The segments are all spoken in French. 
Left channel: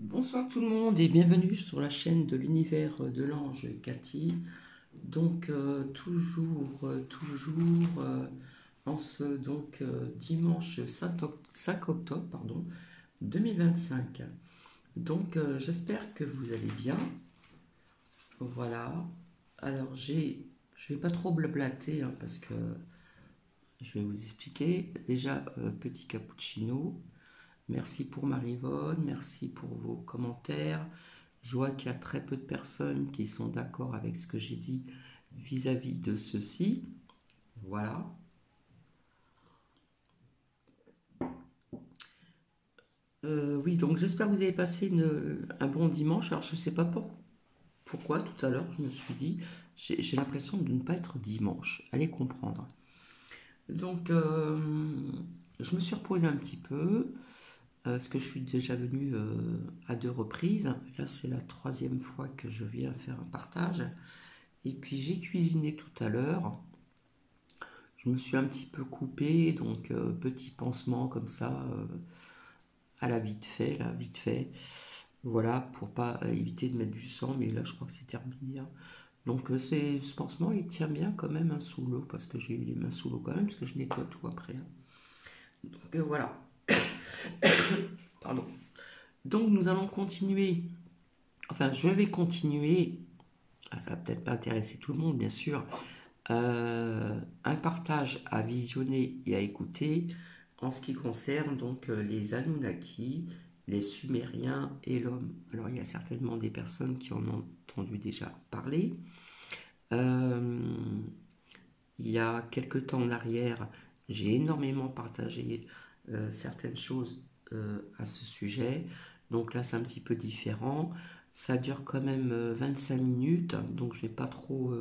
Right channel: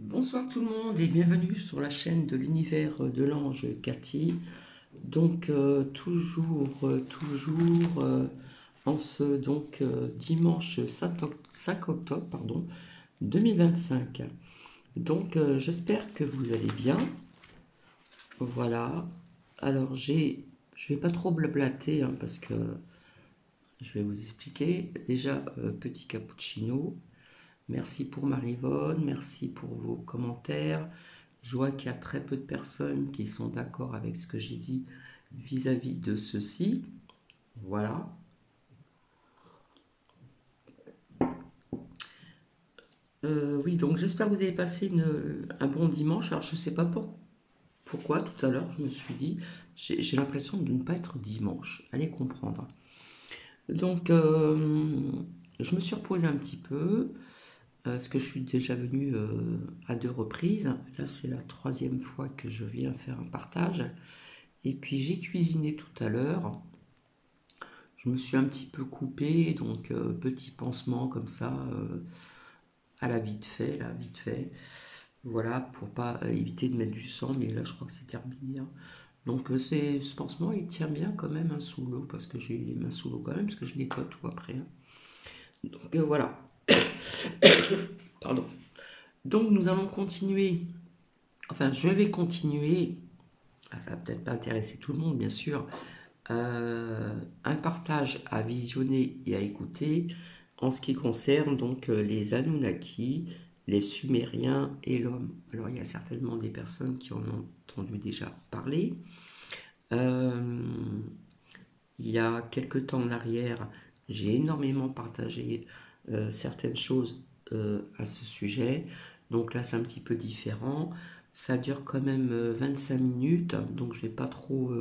Bonsoir tout le monde et bienvenue sur la chaîne de l'univers de l'ange Cathy. Donc en ce dimanche 5 octobre 2025. Donc j'espère que vous allez bien. Voilà. Alors je vais pas trop blablater hein, parce que je vais vous expliquer. Déjà petit cappuccino. Merci pour Marivonne, merci pour vos commentaires. Je vois qu'il y a très peu de personnes qui sont d'accord avec ce que j'ai dit vis-à-vis de ceci. Voilà. Oui, donc j'espère que vous avez passé un bon dimanche. Alors je ne sais pas pourquoi tout à l'heure je me suis dit, j'ai l'impression de ne pas être dimanche. Allez comprendre. Donc je me suis reposé un petit peu. Parce que je suis déjà venue à 2 reprises. Là, c'est la 3e fois que je viens faire un partage. Et puis, j'ai cuisiné tout à l'heure. Je me suis un petit peu coupée, donc petit pansement comme ça, à la vite fait, là, vite fait. Voilà, pour pas éviter de mettre du sang, mais là, je crois que c'est terminé, hein. Donc, ce pansement, il tient bien quand même hein, sous l'eau, parce que j'ai les mains sous l'eau quand même, parce que je nettoie tout après, hein. Donc, voilà. Pardon. Donc, nous allons continuer. Enfin, je vais continuer, ça va peut-être pas intéresser tout le monde, bien sûr, un partage à visionner et à écouter en ce qui concerne donc les Anunnaki, les Sumériens et l'homme. Alors, il y a certainement des personnes qui en ont entendu déjà parler. Il y a quelque temps en arrière, j'ai énormément partagé certaines choses à ce sujet. Donc là, c'est un petit peu différent. Ça dure quand même 25 minutes, donc je ne vais pas trop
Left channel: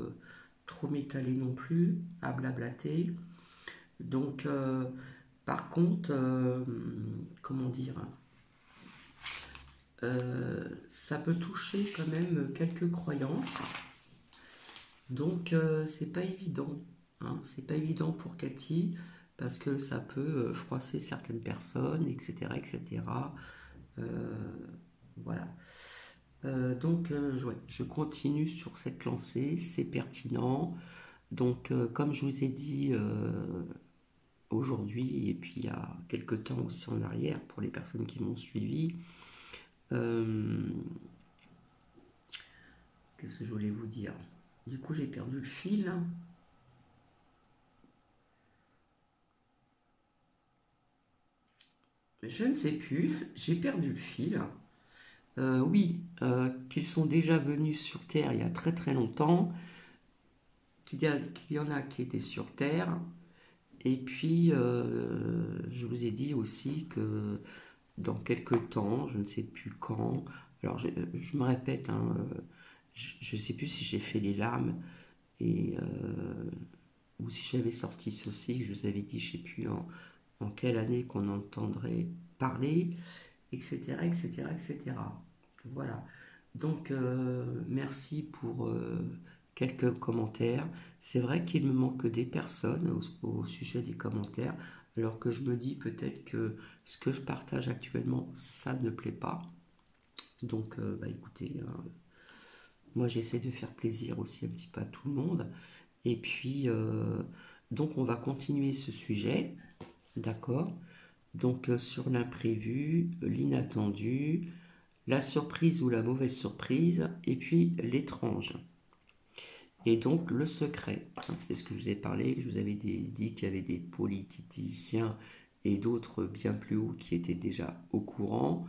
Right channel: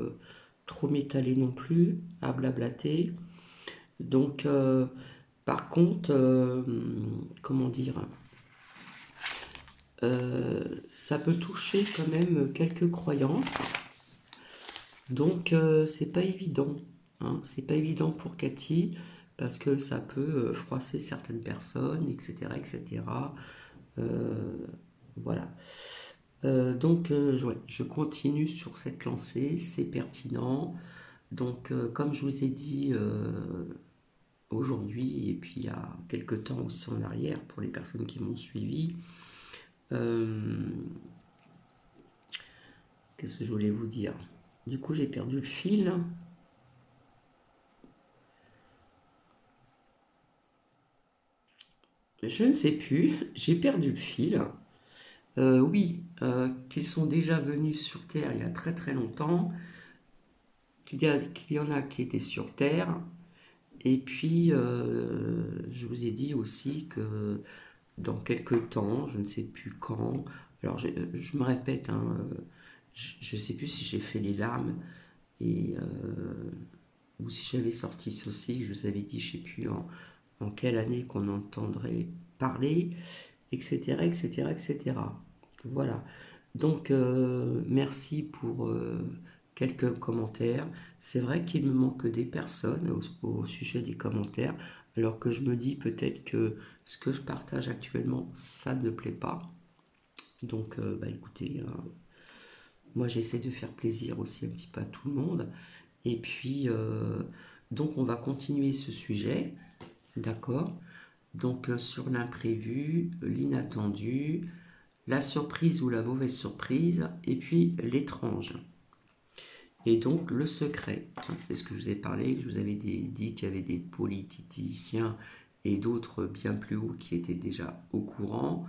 m'étaler non plus à blablater. Donc, par contre, comment dire, ça peut toucher quand même quelques croyances. Donc, c'est pas évident, hein, c'est pas évident pour Cathy parce que ça peut froisser certaines personnes, etc., etc. Voilà. Donc, ouais, je continue sur cette lancée, c'est pertinent. Donc, comme je vous ai dit aujourd'hui, et puis il y a quelques temps aussi en arrière, pour les personnes qui m'ont suivi, qu'est-ce que je voulais vous dire? Du coup, j'ai perdu le fil. Je ne sais plus, j'ai perdu le fil. Oui, qu'ils sont déjà venus sur Terre il y a très très longtemps, qu'il y en a qui étaient sur Terre, et puis je vous ai dit aussi que dans quelques temps, je ne sais plus quand, alors je me répète, hein, je ne sais plus si j'ai fait les larmes, et, ou si j'avais sorti ceci, je vous avais dit, je ne sais plus en quelle année qu'on entendrait parler, etc., etc., etc. Voilà. Donc, merci pour quelques commentaires. C'est vrai qu'il me manque des personnes au sujet des commentaires, alors que je me dis peut-être que ce que je partage actuellement, ça ne plaît pas. Donc, bah écoutez, hein, moi j'essaie de faire plaisir aussi un petit peu à tout le monde. Et puis, donc on va continuer ce sujet, d'accord? Donc, sur l'imprévu, l'inattendu, la surprise ou la mauvaise surprise, et puis l'étrange. Et donc le secret, hein, c'est ce que je vous ai parlé, que je vous avais dit qu'il y avait des politiciens et d'autres bien plus hauts qui étaient déjà au courant,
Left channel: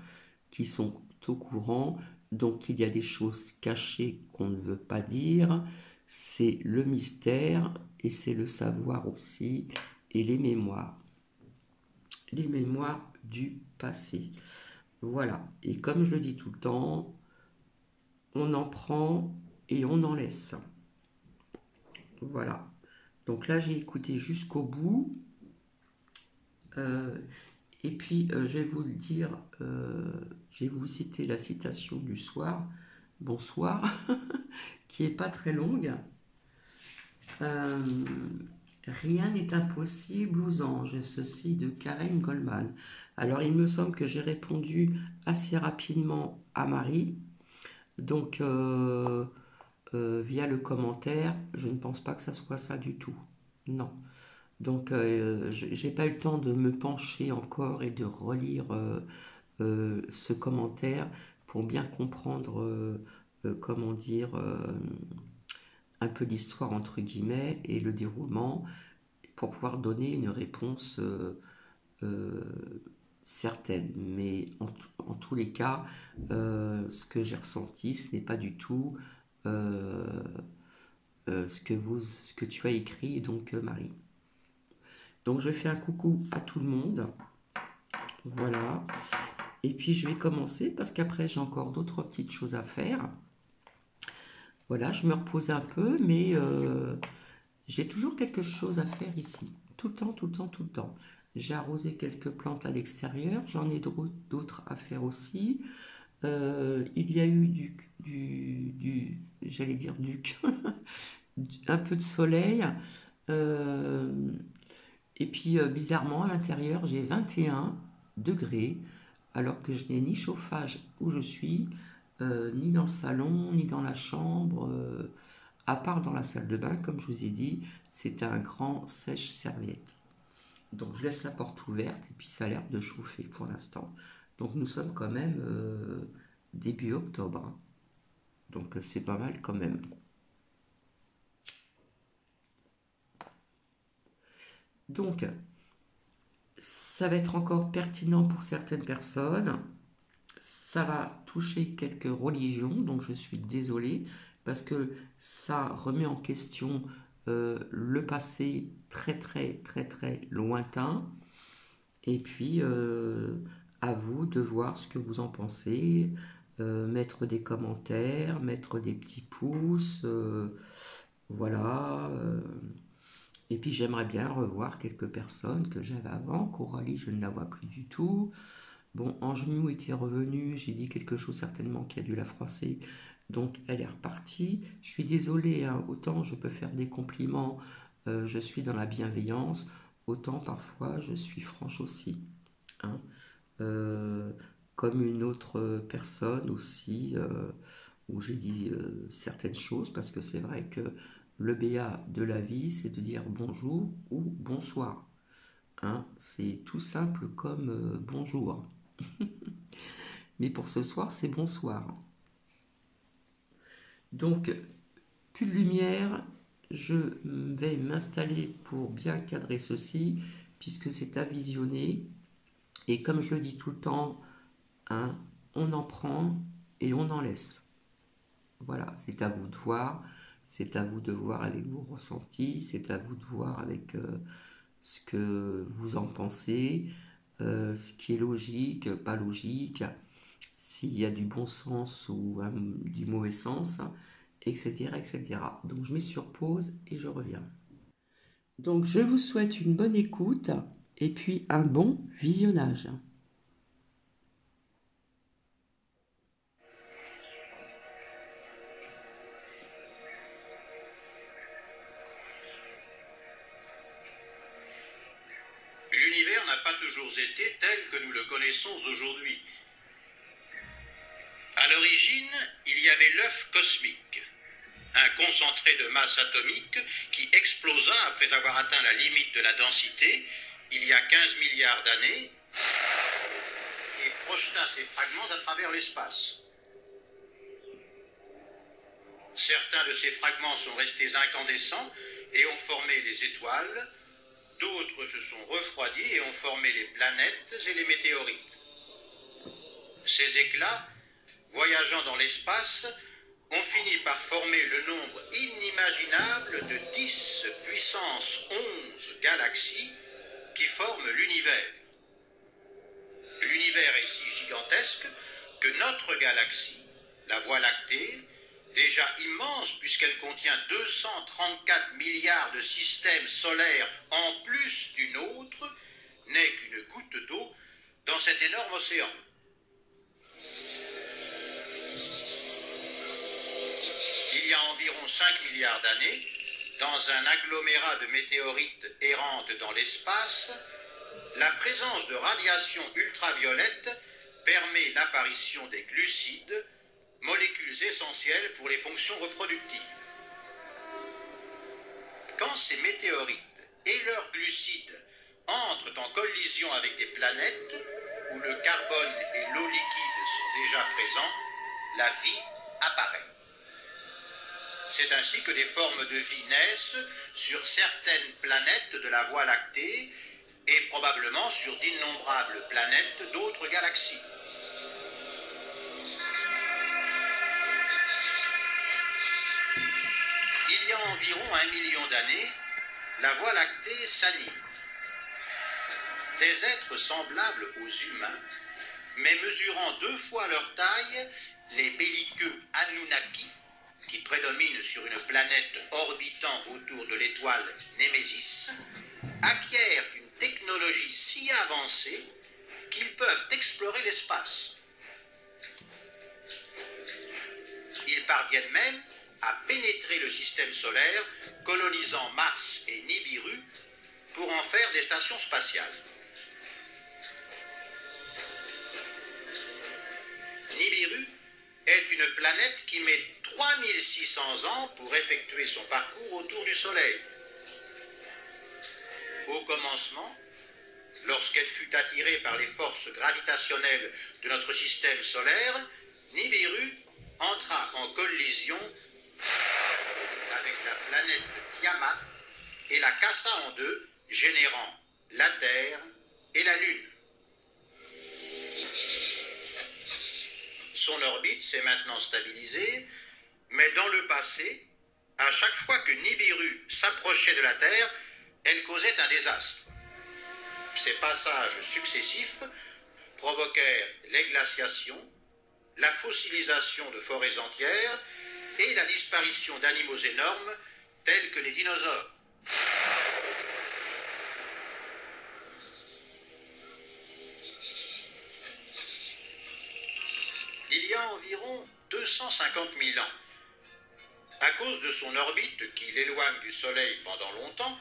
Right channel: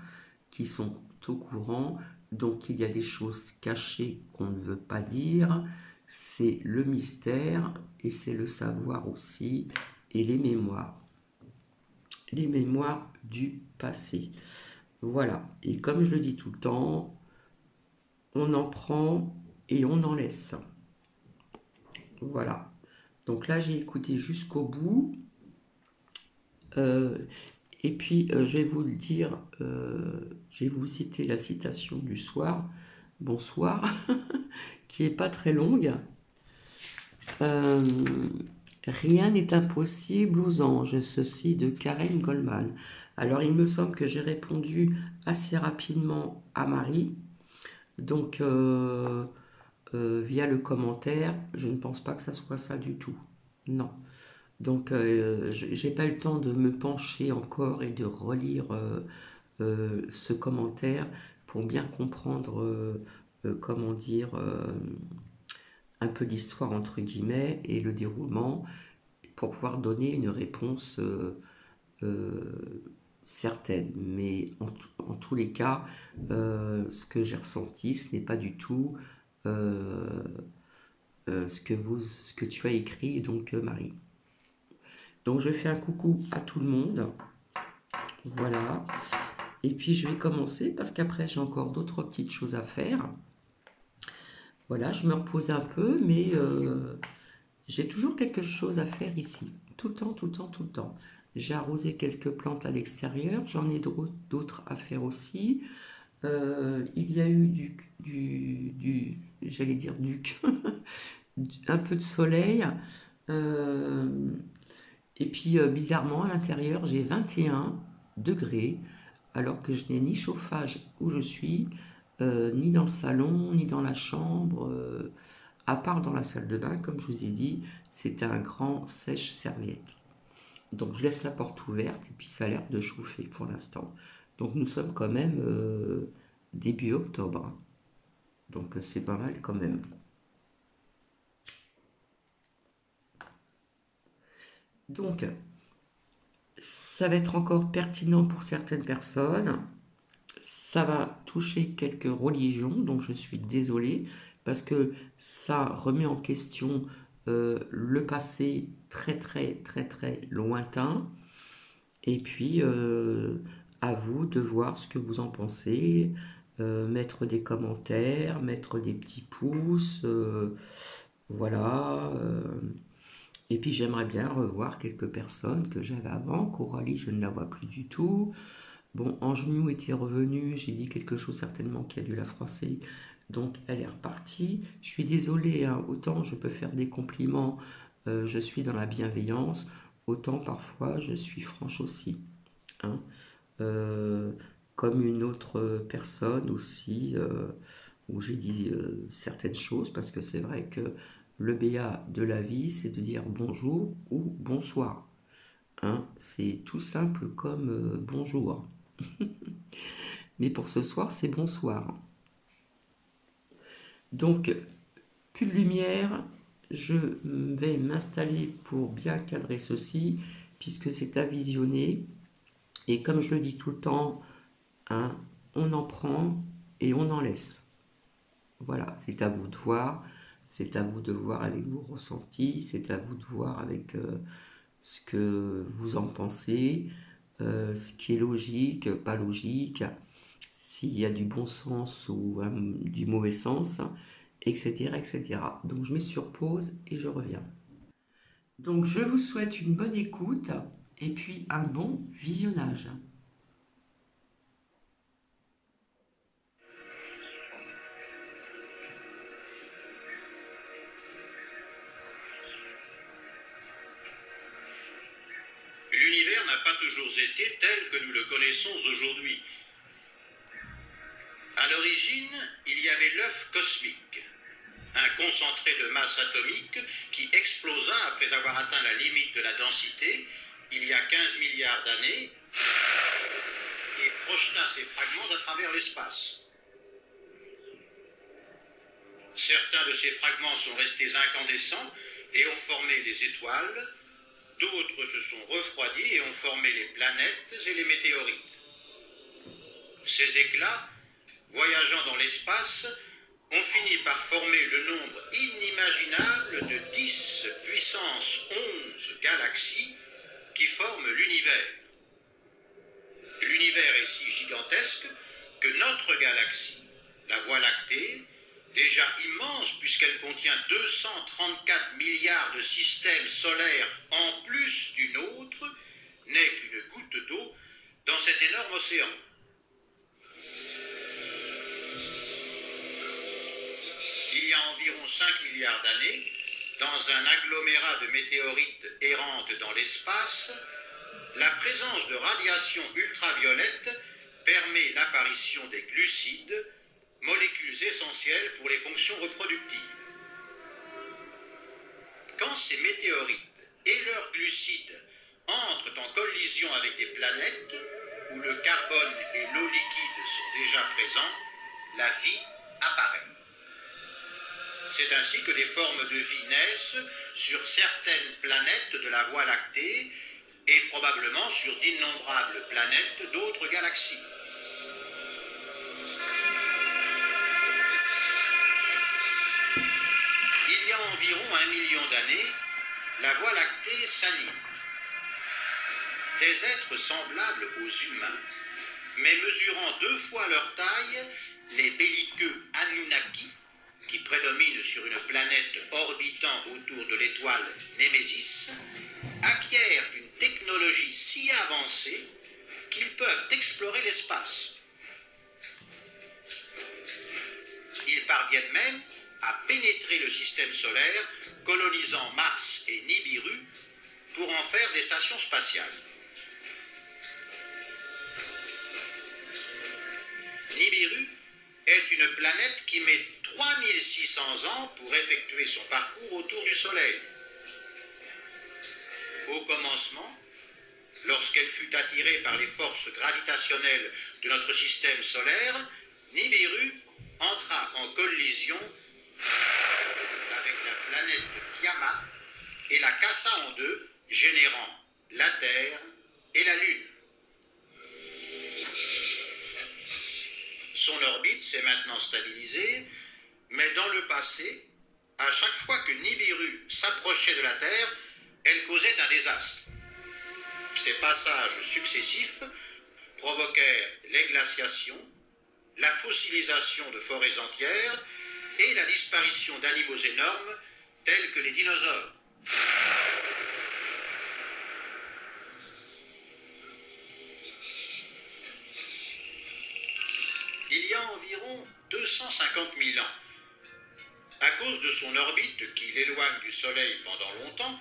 qui sont au courant, donc il y a des choses cachées qu'on ne veut pas dire, c'est le mystère et c'est le savoir aussi, et les mémoires du passé. Voilà, et comme je le dis tout le temps, on en prend et on en laisse. Voilà. Donc là, j'ai écouté jusqu'au bout. Euh, et puis, je vais vous le dire, je vais vous citer la citation du soir. Bonsoir, qui est pas très longue. Euh, Rien n'est impossible aux anges, ceci de Karen Goldman. Alors, il me semble que j'ai répondu assez rapidement à Marie. Donc, via le commentaire, je ne pense pas que ça soit ça du tout. Non. Donc, j'ai pas eu le temps de me pencher encore et de relire ce commentaire pour bien comprendre, comment dire, un peu l'histoire entre guillemets et le déroulement pour pouvoir donner une réponse euh, certaine. Mais en tous les cas, ce que j'ai ressenti, ce n'est pas du tout euh, ce que tu as écrit, donc Marie. Donc je fais un coucou à tout le monde. Voilà. Et puis je vais commencer parce qu'après j'ai encore d'autres petites choses à faire. Voilà, je me repose un peu, mais j'ai toujours quelque chose à faire ici. Tout le temps, tout le temps, tout le temps. J'ai arrosé quelques plantes à l'extérieur, j'en ai d'autres à faire aussi. Il y a eu j'allais dire un peu de soleil. Euh, et puis bizarrement, à l'intérieur, j'ai 21 degrés, alors que je n'ai ni chauffage où je suis, ni dans le salon, ni dans la chambre, à part dans la salle de bain, comme je vous ai dit, c'est un grand sèche-serviette. Donc je laisse la porte ouverte et puis ça a l'air de chauffer pour l'instant. Donc nous sommes quand même début octobre, hein. Donc c'est pas mal quand même. Donc ça va être encore pertinent pour certaines personnes. Ça va toucher quelques religions, donc je suis désolée parce que ça remet en question le passé très très très très lointain. Et puis à vous de voir ce que vous en pensez, mettre des commentaires, mettre des petits pouces, voilà. Et puis j'aimerais bien revoir quelques personnes que j'avais avant. Coralie, je ne la vois plus du tout. Bon, Angemou était revenue, j'ai dit quelque chose certainement qui a dû la froisser, donc elle est repartie. Je suis désolée, hein, autant je peux faire des compliments, je suis dans la bienveillance, autant parfois je suis franche aussi, hein. Euh, Comme une autre personne aussi, où j'ai dit certaines choses, parce que c'est vrai que le BA de la vie, c'est de dire bonjour ou bonsoir, hein. C'est tout simple comme bonjour. Mais pour ce soir, c'est bonsoir. Donc, plus de lumière, je vais m'installer pour bien cadrer ceci, puisque c'est à visionner. Et comme je le dis tout le temps, hein, on en prend et on en laisse. Voilà, c'est à vous de voir. C'est à vous de voir avec vos ressentis. C'est à vous de voir avec ce que vous en pensez, ce qui est logique, pas logique, s'il y a du bon sens ou du mauvais sens, etc., etc. Donc je mets sur pause et je reviens. Donc je vous souhaite une bonne écoute et puis un bon visionnage. L'univers n'a pas toujours été tel que nous le connaissons aujourd'hui. À l'origine, il y avait l'œuf cosmique, un concentré de masse atomique qui explosa après avoir atteint la limite de la densité il y a 15 milliards d'années et projeta ses fragments à travers l'espace. Certains de ces fragments sont restés incandescents et ont formé les étoiles, d'autres se sont refroidis et ont formé les planètes et les météorites. Ces éclats, voyageant dans l'espace, ont fini par former le nombre inimaginable de 10 puissance 11 galaxies qui forment l'univers. L'univers est si gigantesque que notre galaxie, la Voie lactée, déjà immense puisqu'elle contient 234 milliards de systèmes solaires en plus d'une autre, n'est qu'une goutte d'eau dans cet énorme océan. Il y a environ 5 milliards d'années, dans un agglomérat de météorites errantes dans l'espace, La présence de radiation ultraviolette permet l'apparition des glucides, molécules essentielles pour les fonctions reproductives. Quand ces météorites et leurs glucides entrent en collision avec des planètes où le carbone et l'eau liquide sont déjà présents, la vie apparaît. C'est ainsi que des formes de vie naissent sur certaines planètes de la Voie lactée et probablement sur d'innombrables planètes d'autres galaxies. Il y a environ 1 million d'années, la Voie lactée s'anime. Des êtres semblables aux humains, mais mesurant 2 fois leur taille, les belliqueux Anunnaki, qui prédominent sur une planète orbitant autour de l'étoile Némésis, acquièrent une technologie si avancée qu'ils peuvent explorer l'espace. Ils parviennent même à pénétrer le système solaire, colonisant Mars et Nibiru pour en faire des stations spatiales. Nibiru est une planète qui met 3600 ans pour effectuer son parcours autour du Soleil. Au commencement, lorsqu'elle fut attirée par les forces gravitationnelles de notre système solaire, Nibiru entra en collision avec la planète Tiamat et la cassa en deux, générant la Terre et la Lune. Son orbite s'est maintenant stabilisée, mais dans le passé, à chaque fois que Nibiru s'approchait de la Terre, elle causait un désastre. Ces passages successifs provoquèrent les glaciations, la fossilisation de forêts entières et la disparition d'animaux énormes tels que les dinosaures. Il y a environ 250 000 ans, à cause de son orbite qui l'éloigne du Soleil pendant longtemps,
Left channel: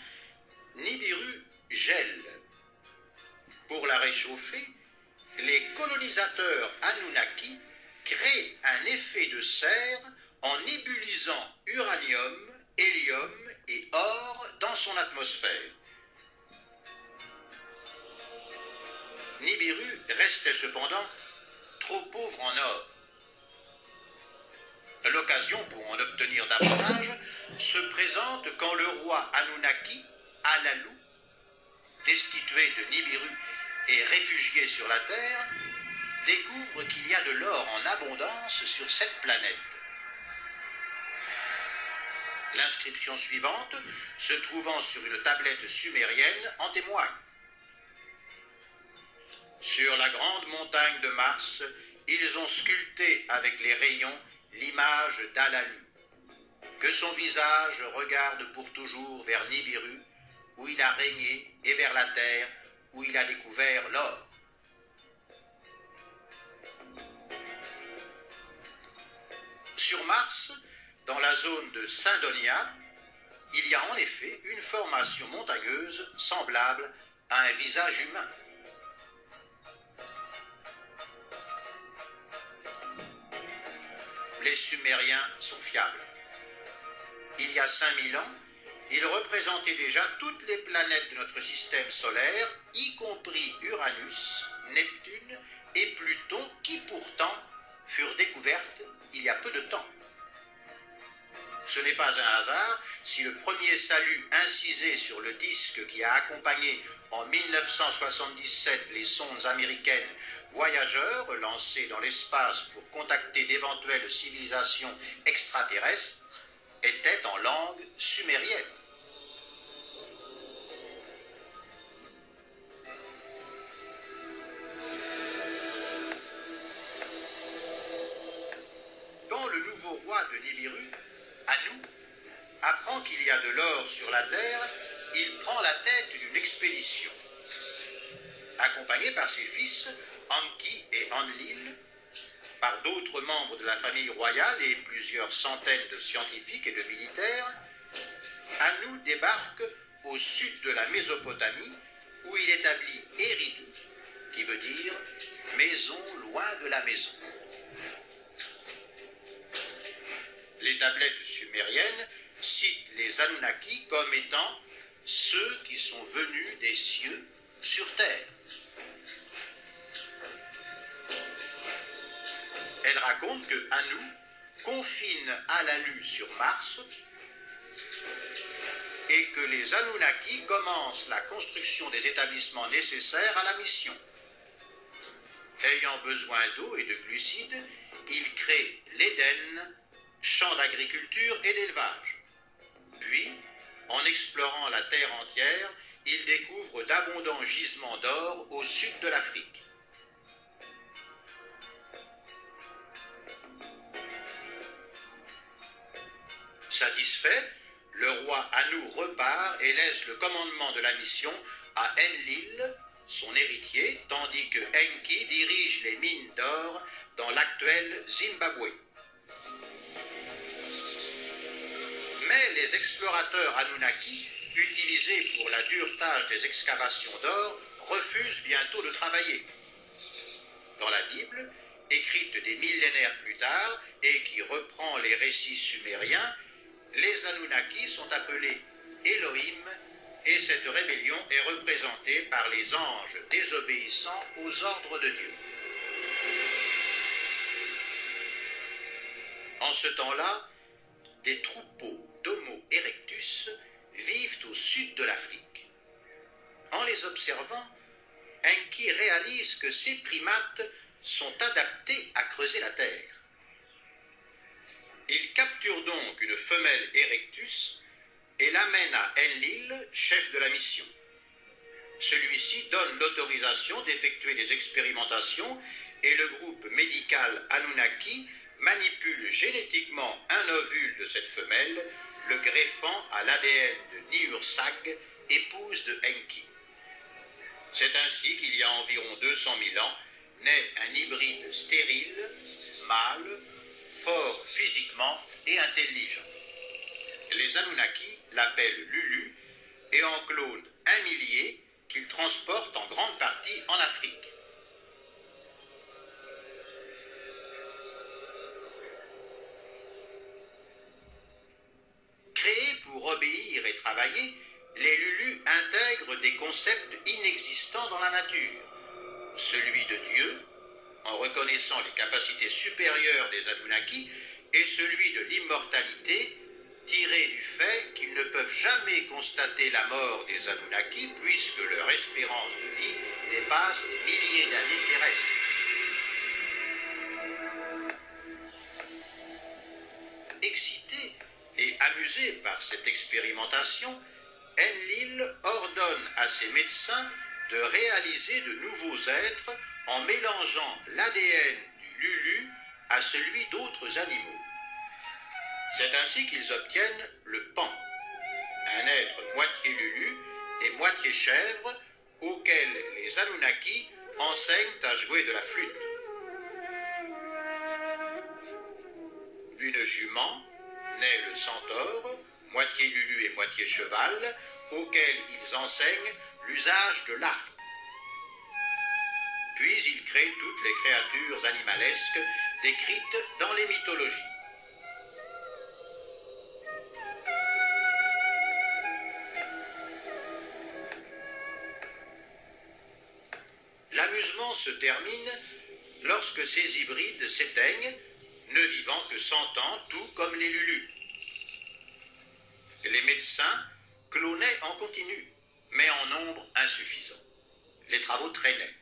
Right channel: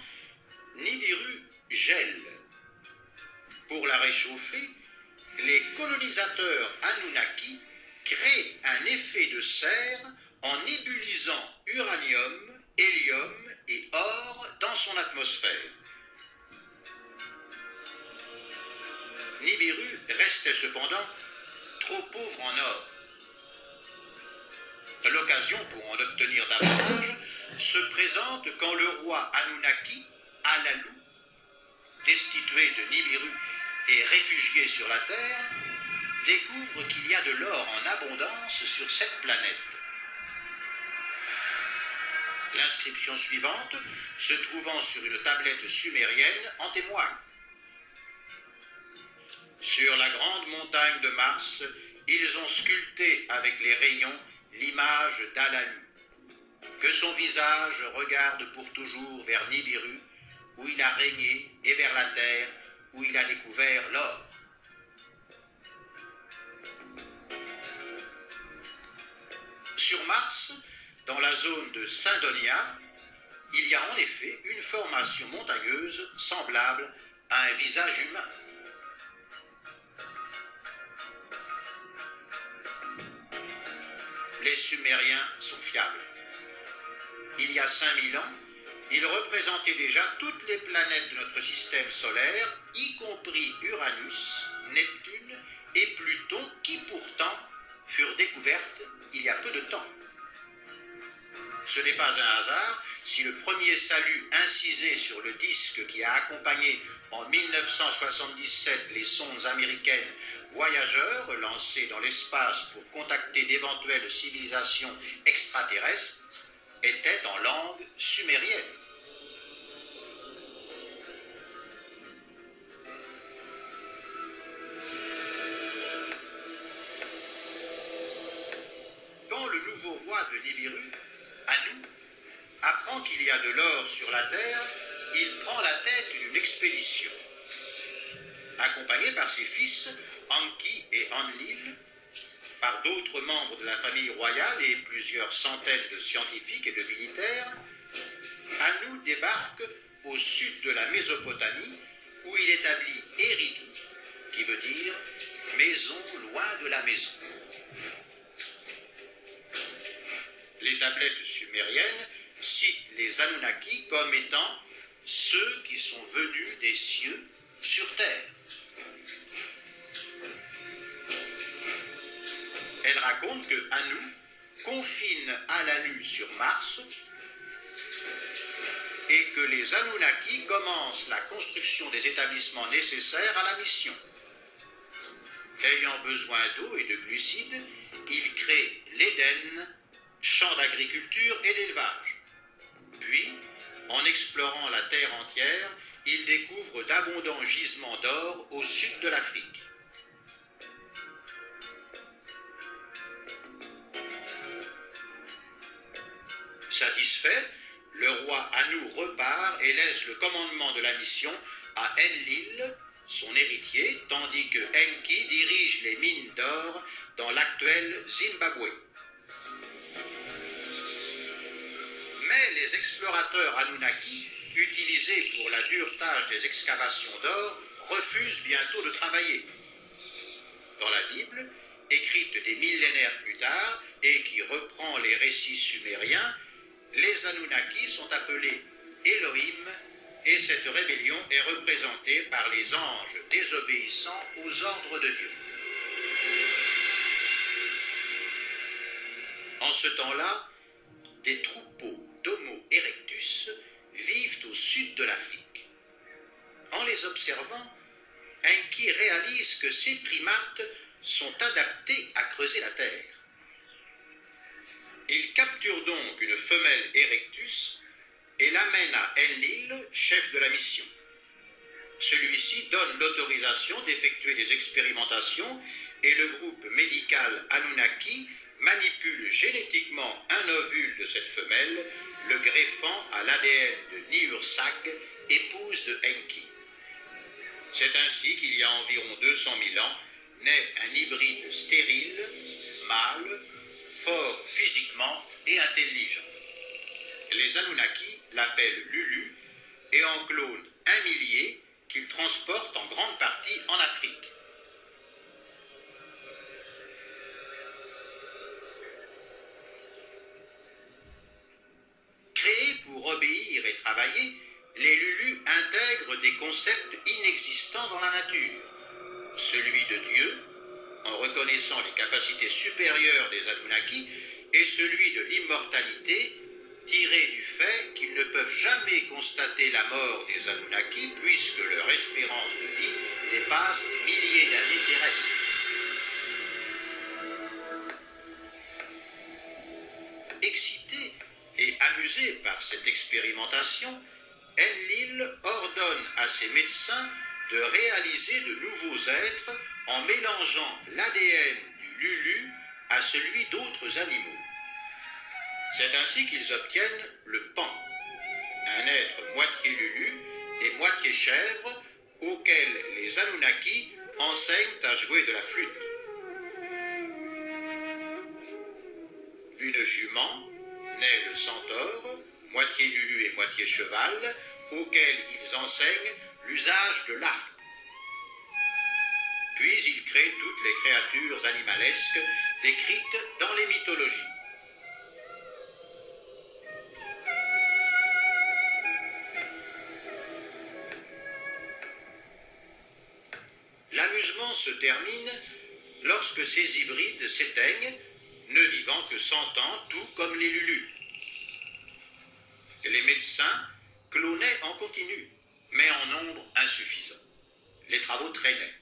Nibiru gèle. Pour la réchauffer, les colonisateurs Anunnaki créent un effet de serre en ébulisant uranium, hélium et or dans son atmosphère. Nibiru restait cependant trop pauvre en or. L'occasion pour en obtenir davantage se présente quand le roi Anunnaki, Alalu, destitué de Nibiru et réfugié sur la Terre, découvre qu'il y a de l'or en abondance sur cette planète. L'inscription suivante, se trouvant sur une tablette sumérienne, en témoigne. Sur la grande montagne de Mars, ils ont sculpté avec les rayons l'image d'Alalu. Que son visage regarde pour toujours vers Nibiru, où il a régné, et vers la Terre, où il a découvert l'or. Sur Mars, dans la zone de Cydonia, il y a en effet une formation montagneuse semblable à un visage humain. Les Sumériens sont fiables. Il y a 5000 ans, ils représentaient déjà toutes les planètes de notre système solaire, y compris Uranus, Neptune et Pluton, qui pourtant furent découvertes il y a peu de temps. Ce n'est pas un hasard si le premier salut incisé sur le disque qui a accompagné en 1977 les sondes américaines Voyageurs lancées dans l'espace pour contacter d'éventuelles civilisations extraterrestres était en langue sumérienne. Quand le nouveau roi de Nibiru, Anu, apprend qu'il y a de l'or sur la Terre, il prend la tête d'une expédition. Accompagné par ses fils, Enki et Enlil, par d'autres membres de la famille royale et plusieurs centaines de scientifiques et de militaires, Anu débarque au sud de la Mésopotamie où il établit Eridu, qui veut dire maison loin de la maison. Les tablettes sumériennes citent les Anunnaki comme étant ceux qui sont venus des cieux sur terre. Elle raconte que Anu confine Alalu sur Mars et que les Anunnaki commencent la construction des établissements nécessaires à la mission. Ayant besoin d'eau et de glucides, ils créent l'Éden, champ d'agriculture et d'élevage. Puis, en explorant la terre entière, ils découvrent d'abondants gisements d'or au sud de l'Afrique. Satisfait, le roi Anu repart et laisse le commandement de la mission à Enlil, son héritier, tandis que Enki dirige les mines d'or dans l'actuel Zimbabwe. Mais les explorateurs Anunnaki, utilisés pour la dure tâche des excavations d'or, refusent bientôt de travailler. Dans la Bible, écrite des millénaires plus tard et qui reprend les récits sumériens, les Anunnaki sont appelés Elohim et cette rébellion est représentée par les anges désobéissant aux ordres de Dieu. En ce temps-là, des troupeaux d'Homo erectus vivent au sud de l'Afrique. En les observant, Enki réalise que ces primates sont adaptés à creuser la terre. Il capture donc une femelle erectus et l'amène à Enlil, chef de la mission. Celui-ci donne l'autorisation d'effectuer des expérimentations et le groupe médical Anunnaki manipule génétiquement un ovule de cette femelle, le greffant à l'ADN de Niursag, épouse de Enki. C'est ainsi qu'il y a environ 200 000 ans, naît un hybride stérile, mâle, fort physiquement et intelligent. Les Anunnaki l'appellent Lulu et en clonent 1 millier qu'ils transportent en grande partie en Afrique. Créés pour obéir et travailler, les Lulus intègrent des concepts inexistants dans la nature. Celui de Dieu, en reconnaissant les capacités supérieures des Anunnaki, et celui de l'immortalité, tiré du fait qu'ils ne peuvent jamais constater la mort des Anunnaki puisque leur espérance de vie dépasse des milliers d'années terrestres. Excité et amusé par cette expérimentation, Enlil ordonne à ses médecins de réaliser de nouveaux êtres en mélangeant l'ADN du Lulu à celui d'autres animaux. C'est ainsi qu'ils obtiennent le Pan, un être moitié Lulu et moitié chèvre auquel les Anunnaki enseignent à jouer de la flûte. Une jument, naît le Centaure, moitié Lulu et moitié cheval, auquel ils enseignent l'usage de l'arc. Puis ils créent toutes les créatures animalesques décrites dans les mythologies. L'amusement se termine lorsque ces hybrides s'éteignent, ne vivant que 100 ans, tout comme les Lulus. Les médecins clonaient en continu, mais en nombre insuffisant. Les travaux traînaient.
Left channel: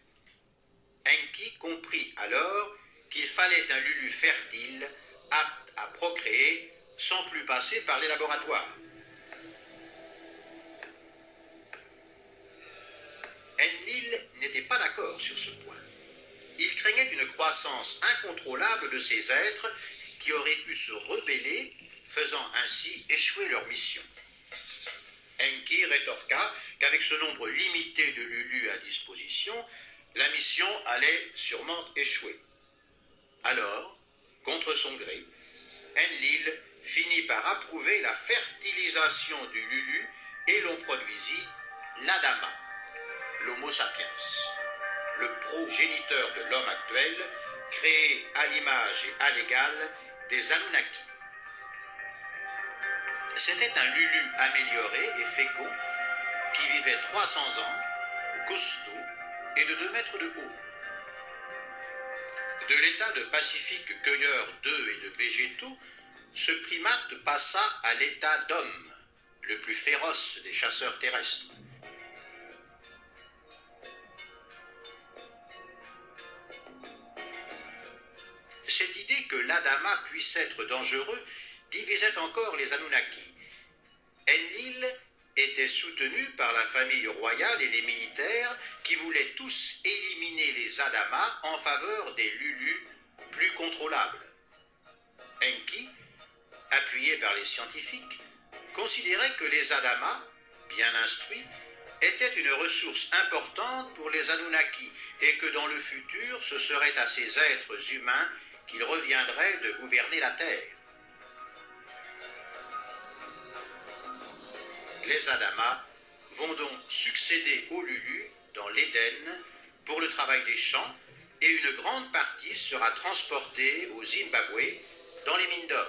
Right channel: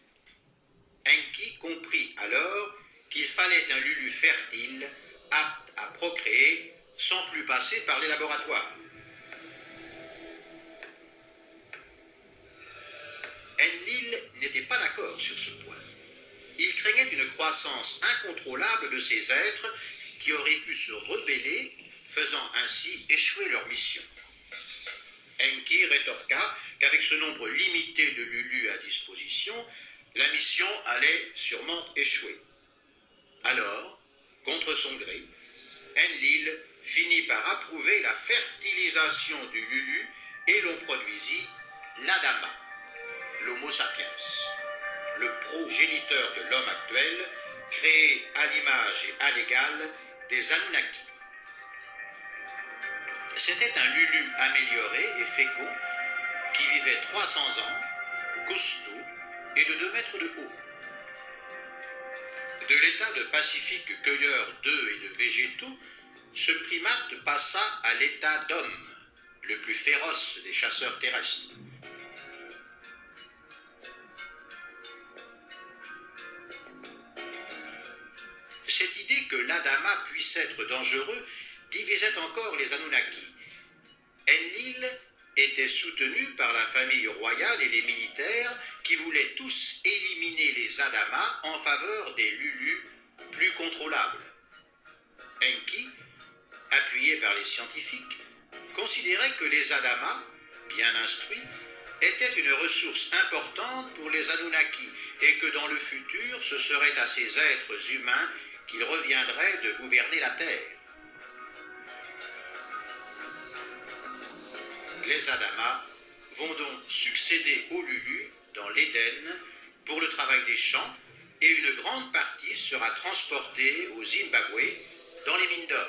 Enki comprit alors qu'il fallait un Lulu fertile, apte à procréer, sans plus passer par les laboratoires. Enlil n'était pas d'accord sur ce point. Il craignait une croissance incontrôlable de ces êtres qui auraient pu se rebeller, faisant ainsi échouer leur mission. Enki rétorqua qu'avec ce nombre limité de Lulus à disposition, la mission allait sûrement échouer. Alors, contre son gré, Enlil finit par approuver la fertilisation du Lulu et l'on produisit l'Adama. l'Homo sapiens, le progéniteur de l'homme actuel, créé à l'image et à l'égal des Anunnaki. C'était un Lulu amélioré et fécond qui vivait 300 ans, costaud et de 2 mètres de haut. De l'état de pacifique cueilleur d'œufs et de végétaux, ce primate passa à l'état d'homme, le plus féroce des chasseurs terrestres. Cette idée que l'Adama puisse être dangereux divisait encore les Anunnaki. Enlil était soutenu par la famille royale et les militaires qui voulaient tous éliminer les Adamas en faveur des Lulus plus contrôlables. Enki, appuyé par les scientifiques, considérait que les Adamas, bien instruits, étaient une ressource importante pour les Anunnaki et que dans le futur, ce serait à ces êtres humains qu'il reviendrait de gouverner la Terre. Les Adamas vont donc succéder aux Lulus dans l'Éden pour le travail des champs et une grande partie sera transportée au Zimbabwe dans les mines d'or.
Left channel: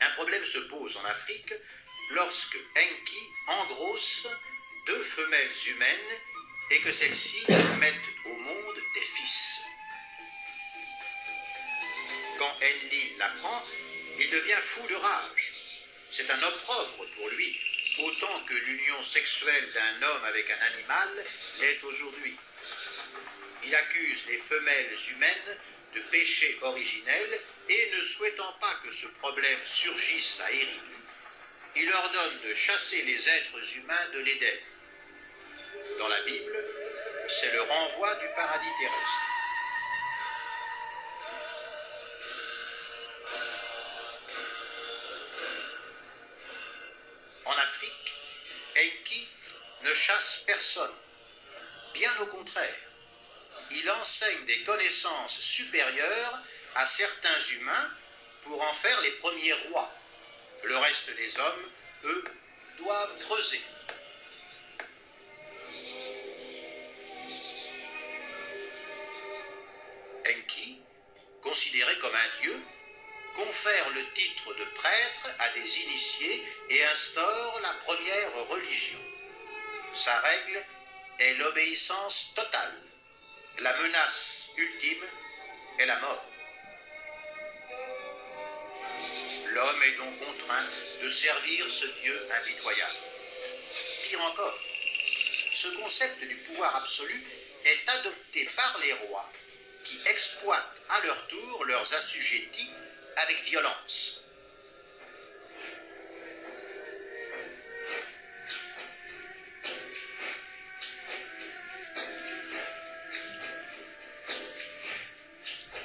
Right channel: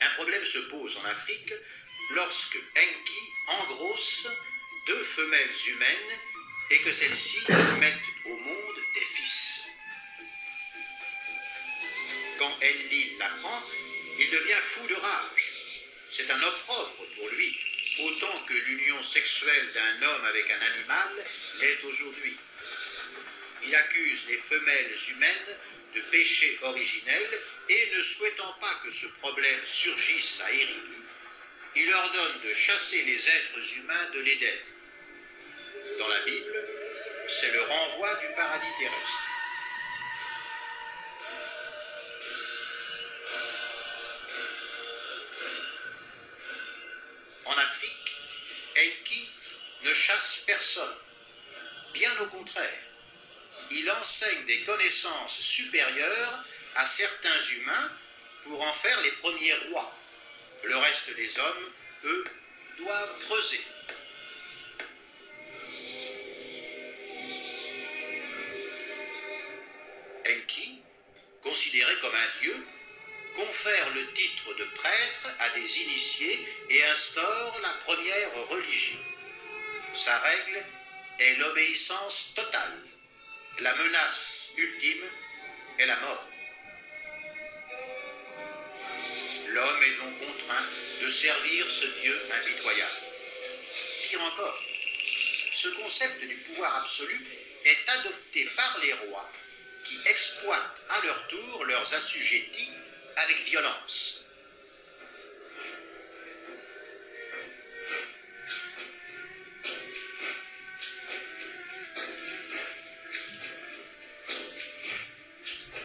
Un problème se pose en Afrique lorsque Enki engrosse 2 femelles humaines et que celles-ci mettent au monde des fils. Quand Enlil l'apprend, il devient fou de rage. C'est un opprobre pour lui, autant que l'union sexuelle d'un homme avec un animal l'est aujourd'hui. Il accuse les femelles humaines de péché originel et ne souhaitant pas que ce problème surgisse à Eridu, il ordonne de chasser les êtres humains de l'Éden. Dans la Bible, c'est le renvoi du paradis terrestre. En Afrique, Enki ne chasse personne. Bien au contraire, il enseigne des connaissances supérieures à certains humains pour en faire les premiers rois. Le reste des hommes, eux, doivent creuser. Enki, considéré comme un dieu, confère le titre de prêtre à des initiés et instaure la première religion. Sa règle est l'obéissance totale. La menace ultime est la mort. L'homme est donc contraint de servir ce Dieu impitoyable. Pire encore, ce concept du pouvoir absolu est adopté par les rois qui exploitent à leur tour leurs assujettis avec violence.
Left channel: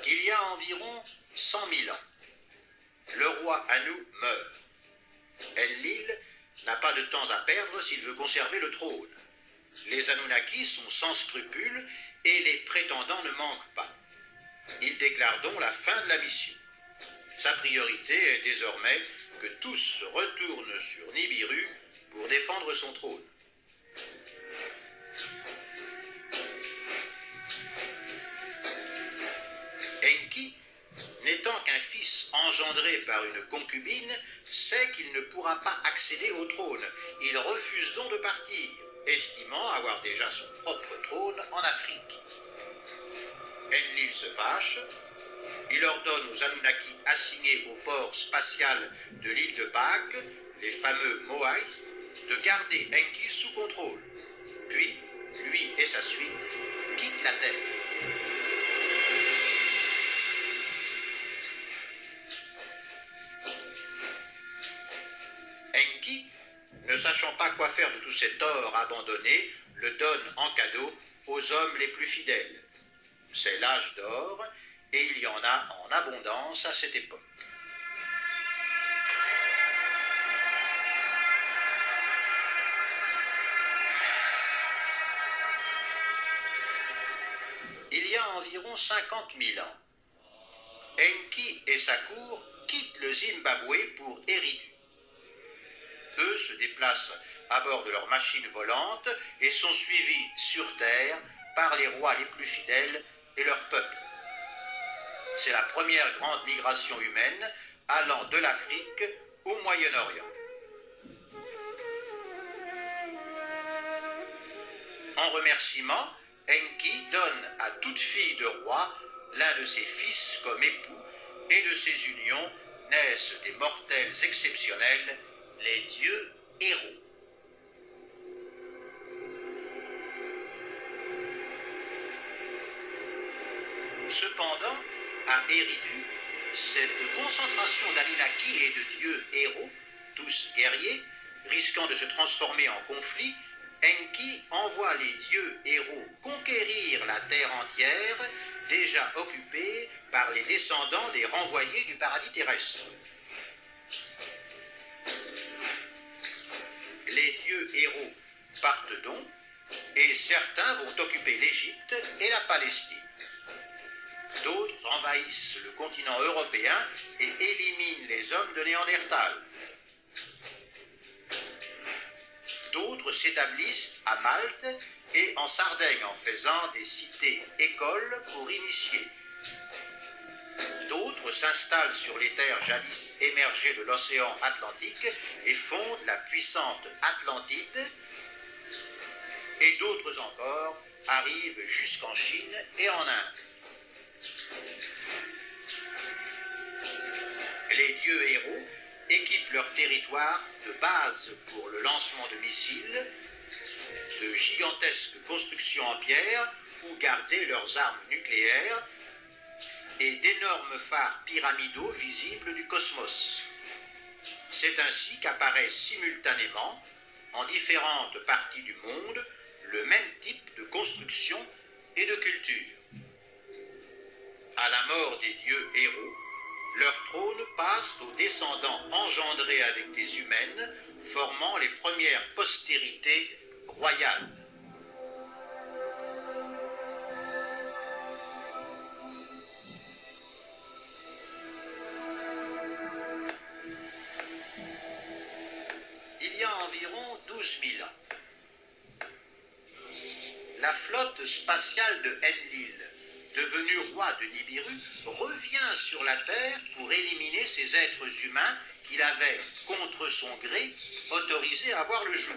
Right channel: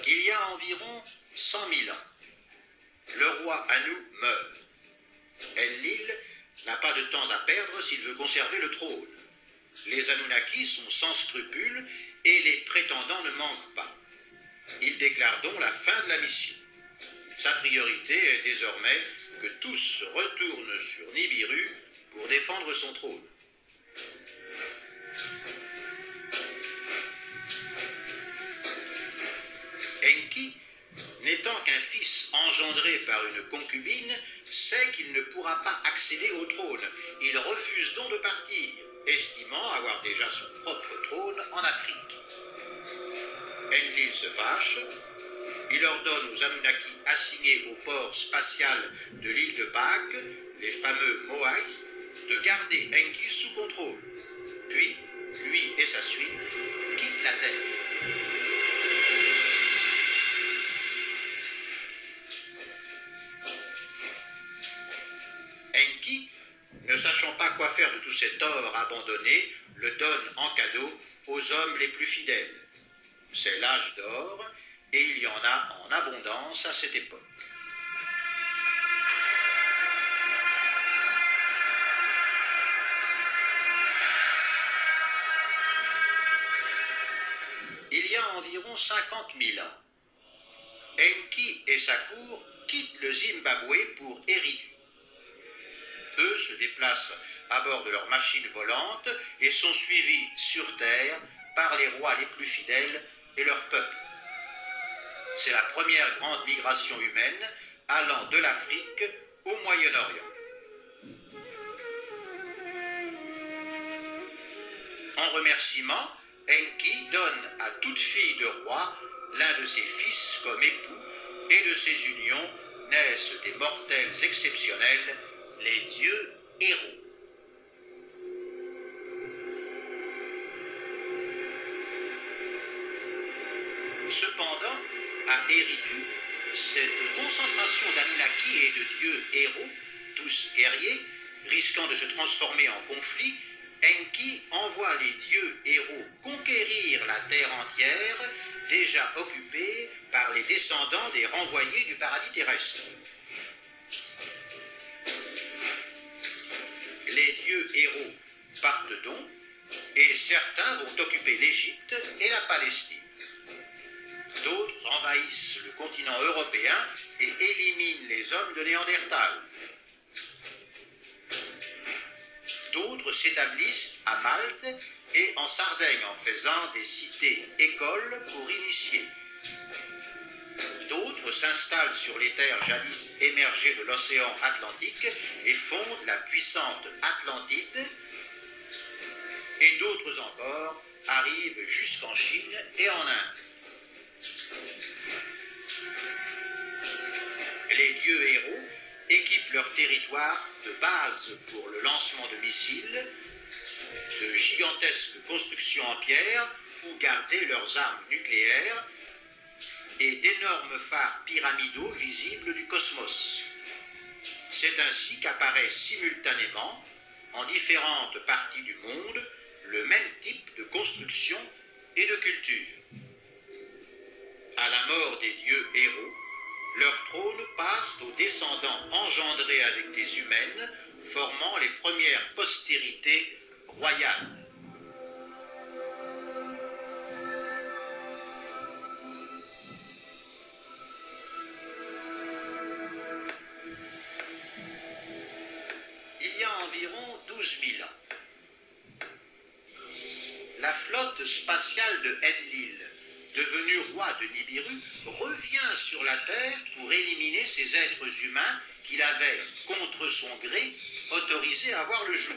Il y a environ 100 000 ans, le roi Anu meurt. Enlil n'a pas de temps à perdre s'il veut conserver le trône. Les Anunnaki sont sans scrupules et les prétendants ne manquent pas. Il déclare donc la fin de la mission. Sa priorité est désormais que tous se retournent sur Nibiru pour défendre son trône. Enki, n'étant qu'un fils engendré par une concubine, sait qu'il ne pourra pas accéder au trône. Il refuse donc de partir, estimant avoir déjà son propre trône en Afrique. Enlil se fâche. Il ordonne aux Anunnaki assignés au port spatial de l'île de Pâques, les fameux Moai, de garder Enki sous contrôle. Puis, lui et sa suite quittent la Terre. Enki, ne sachant pas quoi faire de tout cet or abandonné, le donne en cadeau aux hommes les plus fidèles. C'est l'âge d'or, et il y en a en abondance à cette époque. Il y a environ 50 000 ans, Enki et sa cour quittent le Zimbabwe pour Eridu. Eux se déplacent à bord de leurs machines volantes et sont suivis sur Terre par les rois les plus fidèles et leur peuple. C'est la première grande migration humaine allant de l'Afrique au Moyen-Orient. En remerciement, Enki donne à toute fille de roi l'un de ses fils comme époux, et de ces unions naissent des mortels exceptionnels, les dieux héros. Cependant, à Eridu, cette concentration d'Anunnaki et de dieux héros, tous guerriers, risquant de se transformer en conflit, Enki envoie les dieux héros conquérir la terre entière, déjà occupée par les descendants des renvoyés du paradis terrestre. Les dieux héros partent donc, et certains vont occuper l'Égypte et la Palestine. D'autres envahissent le continent européen et éliminent les hommes de Néandertal. D'autres s'établissent à Malte et en Sardaigne en faisant des cités-écoles pour initier. D'autres s'installent sur les terres jadis émergées de l'océan Atlantique et fondent la puissante Atlantide. Et d'autres encore arrivent jusqu'en Chine et en Inde. Les dieux héros équipent leur territoire de bases pour le lancement de missiles, de gigantesques constructions en pierre où garder leurs armes nucléaires et d'énormes phares pyramidaux visibles du cosmos. C'est ainsi qu'apparaît simultanément, en différentes parties du monde, le même type de construction et de culture. À la mort des dieux héros, leur trône passe aux descendants engendrés avec des humaines, formant les premières postérités royales. Il y a environ 12 000 ans, la flotte spatiale de Enlil, devenu roi de Nibiru, revient sur la Terre pour éliminer ces êtres humains qu'il avait, contre son gré, autorisés à voir le jour.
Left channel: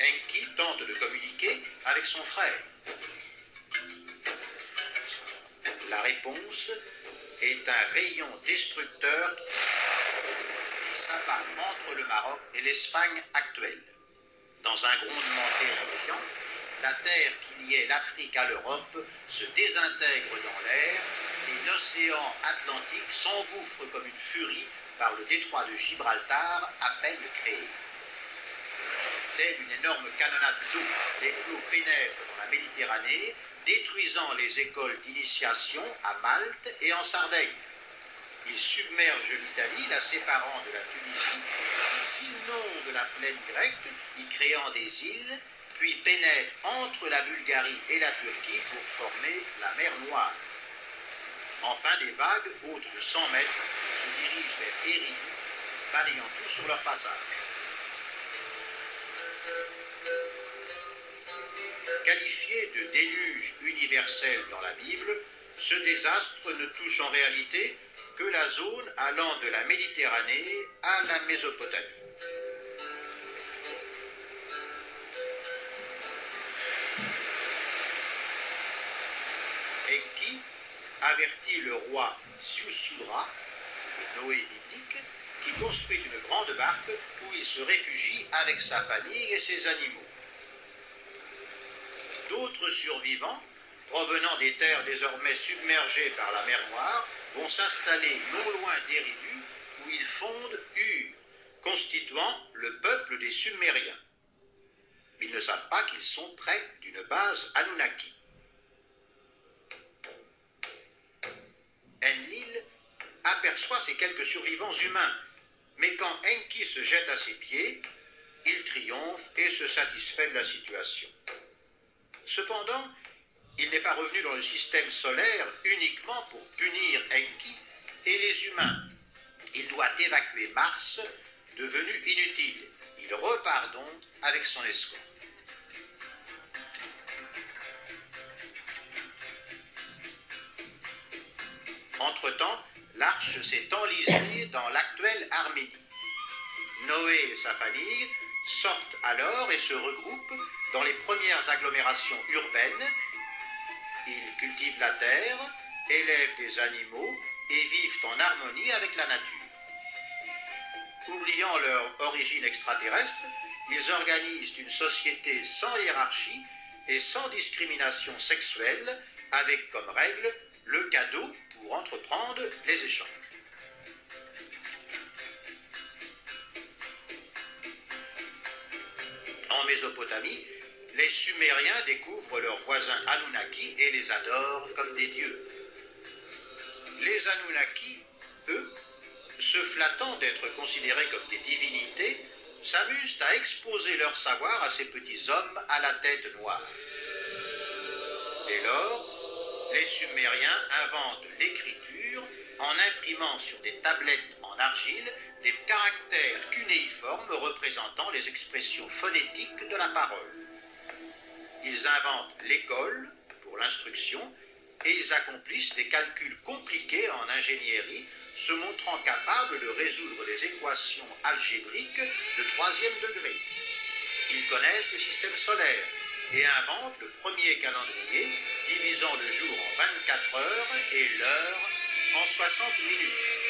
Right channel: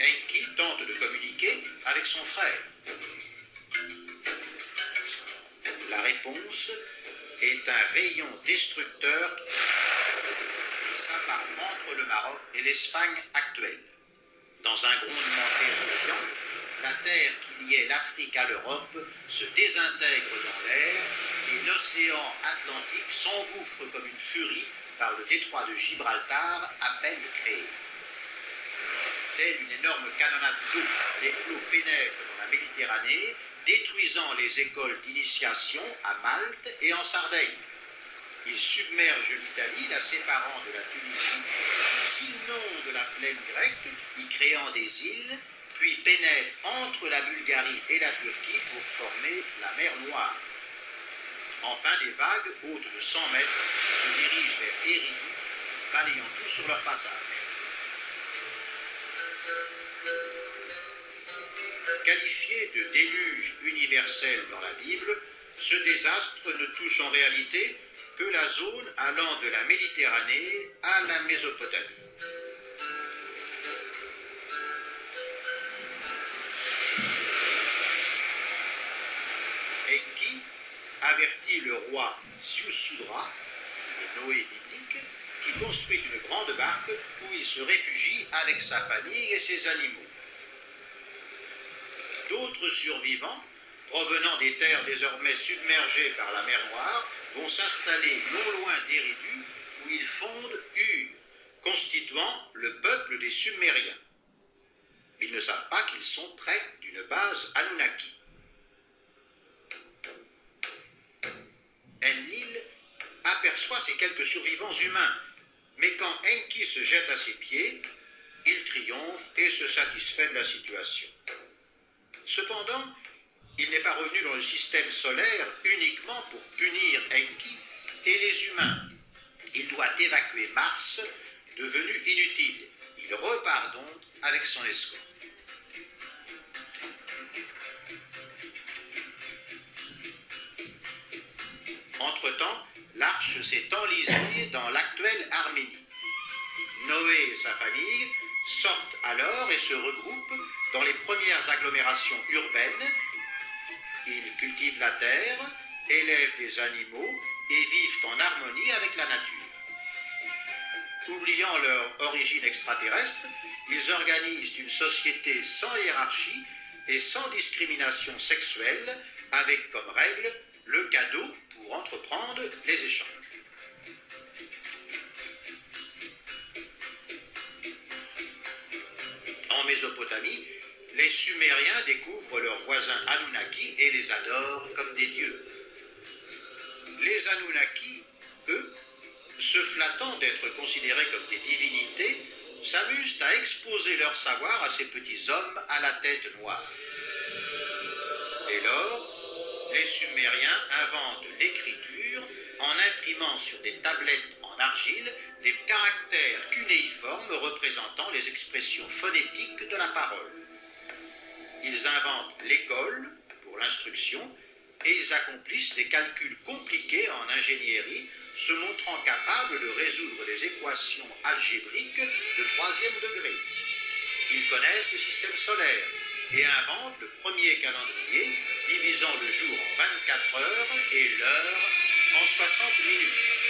Enki tente de communiquer avec son frère. La réponse est un rayon destructeur qui s'abat entre le Maroc et l'Espagne actuelle. Dans un grondement terrifiant, la terre qui liait l'Afrique à l'Europe se désintègre dans l'air et l'océan Atlantique s'engouffre comme une furie par le détroit de Gibraltar à peine créé. Telle une énorme canonnade d'eau, les flots pénètrent dans la Méditerranée, détruisant les écoles d'initiation à Malte et en Sardaigne. Ils submergent l'Italie, la séparant de la Tunisie, ils inondent la plaine grecque, y créant des îles, puis pénètrent entre la Bulgarie et la Turquie pour former la mer Noire. Enfin, des vagues, hautes de 100 mètres, se dirigent vers Eridu, balayant tout sur leur passage. Qualifié de déluge universel dans la Bible, ce désastre ne touche en réalité que la zone allant de la Méditerranée à la Mésopotamie. Enki avertit le roi Ziusudra, le Noé biblique, qui construit une grande barque où il se réfugie avec sa famille et ses animaux. D'autres survivants, provenant des terres désormais submergées par la mer Noire, vont s'installer non loin d'Eridu, où ils fondent Ur, constituant le peuple des Sumériens. Ils ne savent pas qu'ils sont près d'une base Anunnaki. Enlil aperçoit ces quelques survivants humains, mais quand Enki se jette à ses pieds, il triomphe et se satisfait de la situation. Cependant, Il n'est pas revenu dans le système solaire uniquement pour punir Enki et les humains. Il doit évacuer Mars, devenu inutile. Il repart donc avec son escorte. Entre-temps, l'arche s'est enlisée dans l'actuelle Arménie. Noé et sa famille sortent alors et se regroupent dans les premières agglomérations urbaines. Ils cultivent la terre, élèvent des animaux et vivent en harmonie avec la nature. Oubliant leur origine extraterrestre, ils organisent une société sans hiérarchie et sans discrimination sexuelle, avec comme règle le cadeau pour entreprendre les échanges. En Mésopotamie, les Sumériens découvrent leurs voisins Anunnaki et les adorent comme des dieux. Les Anunnaki, eux, se flattant d'être considérés comme des divinités, s'amusent à exposer leur savoir à ces petits hommes à la tête noire. Dès lors, les Sumériens inventent l'écriture en imprimant sur des tablettes en argile des caractères cunéiformes représentant les expressions phonétiques de la parole. Ils inventent l'école pour l'instruction et ils accomplissent des calculs compliqués en ingénierie, se montrant capables de résoudre des équations algébriques de 3e degré. Ils connaissent le système solaire et inventent le premier calendrier divisant le jour en 24 heures et l'heure en 60 minutes.